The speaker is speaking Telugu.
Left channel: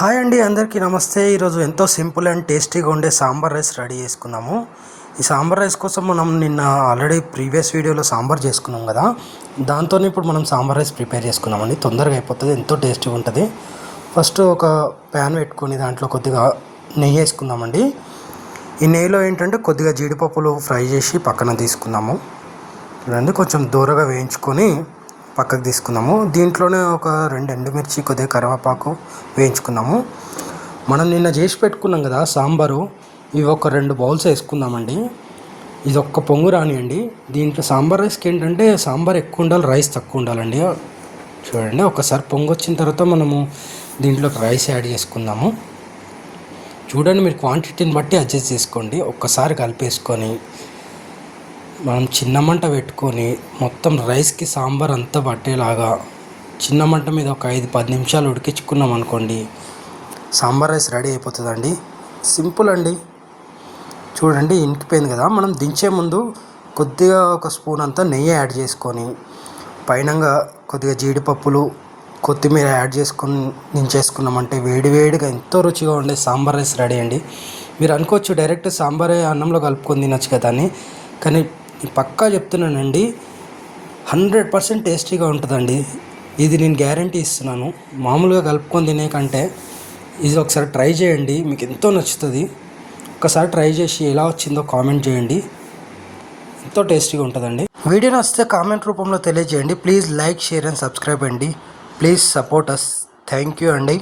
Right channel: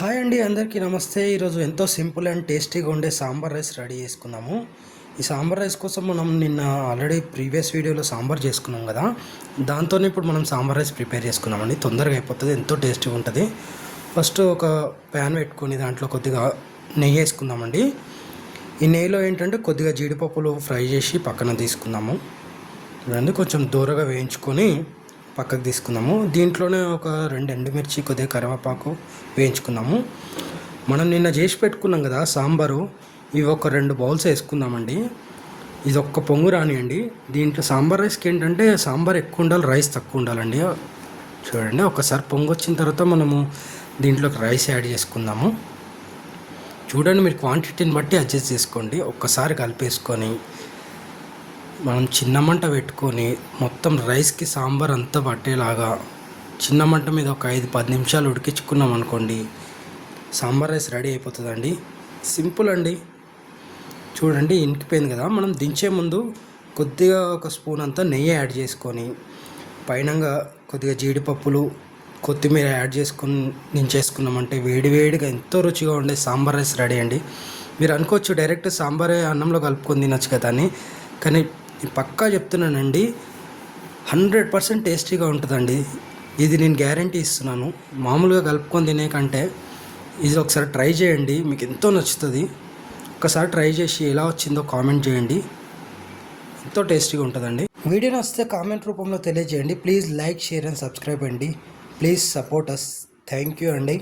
హాయ్ అండి, అందరికీ నమస్తే. ఈరోజు ఎంతో సింపుల్ అండ్ టేస్టీగా ఉండే సాంబార్ రైస్ రెడీ చేసుకుందాము. ఈ సాంబార్ రైస్ కోసం మనం నిన్న ఆల్రెడీ ప్రీవియస్ వీడియోలో సాంబార్ చేసుకున్నాం కదా, దాంతో ఇప్పుడు మనం సాంబార్ రైస్ ప్రిపేర్ చేసుకున్నామండి. తొందరగా అయిపోతుంది, ఎంతో టేస్టీగా ఉంటుంది. ఫస్ట్ ఒక ప్యాన్ పెట్టుకొని దాంట్లో కొద్దిగా నెయ్యి వేసుకుందామండి. ఈ నెయ్యిలో ఏంటంటే కొద్దిగా జీడిపప్పులు ఫ్రై చేసి పక్కన తీసుకుందాము. చూడండి, కొంచెం దూరగా వేయించుకొని పక్కకు తీసుకుందాము. దీంట్లోనే ఒక 2 ఎండుమిర్చి, కొద్దిగా కరివేపాకు వేయించుకుందాము. మనం నిన్న చేసి పెట్టుకున్నాం కదా సాంబారు, ఇవి ఒక 2 బౌల్స్ వేసుకుందామండి. ఇది ఒక్క పొంగు రానియండి. దీంట్లో సాంబార్ రైస్కి ఏంటంటే సాంబార్ ఎక్కువ ఉండాలి, రైస్ తక్కువ ఉండాలండి. చూడండి, ఒకసారి పొంగు వచ్చిన తర్వాత మనము దీంట్లోకి రైస్ యాడ్ చేసుకుందాము. చూడండి, మీరు క్వాంటిటీని బట్టి అడ్జస్ట్ చేసుకోండి. ఒక్కసారి కలిపేసుకొని మనం చిన్న మంట పెట్టుకొని మొత్తం రైస్కి సాంబార్ అంతా పట్టేలాగా చిన్న మంట మీద ఒక 5-10 నిమిషాలు ఉడికించుకున్నాం అనుకోండి, సాంబార్ రైస్ రెడీ అయిపోతుందండి. సింపుల్ అండి. చూడండి, ఇంకిపోయింది కదా. మనం దించే ముందు కొద్దిగా ఒక స్పూన్ అంతా నెయ్యి యాడ్ చేసుకొని పైనంగా కొద్దిగా జీడిపప్పులు, కొత్తిమీర యాడ్ చేసుకొని దించేసుకున్నామంటే వేడివేడిగా ఎంతో రుచిగా ఉండే సాంబార్ రైస్ రెడీ అండి. మీరు అనుకోవచ్చు డైరెక్ట్ సాంబారే అన్నంలో కలుపుకొని తినొచ్చు కదా అని, కానీ పక్కా చెప్తున్నానండి, 100% టేస్టీగా ఉంటుందండి. ఇది నేను గ్యారంటీ ఇస్తున్నాను. మామూలుగా కలుపుకొని తినే కంటే ఇది ఒకసారి ట్రై చేయండి, మీకు ఎంతో నచ్చుతుంది. ఒకసారి ట్రై చేసి ఎలా వచ్చిందో కామెంట్ చేయండి. ఎంతో టేస్టీగా ఉంటుందండి. వీడియో నచ్చితే కామెంట్ రూపంలో తెలియజేయండి. Please like, share and subscribe అండి. Please support us. Thank you అండి.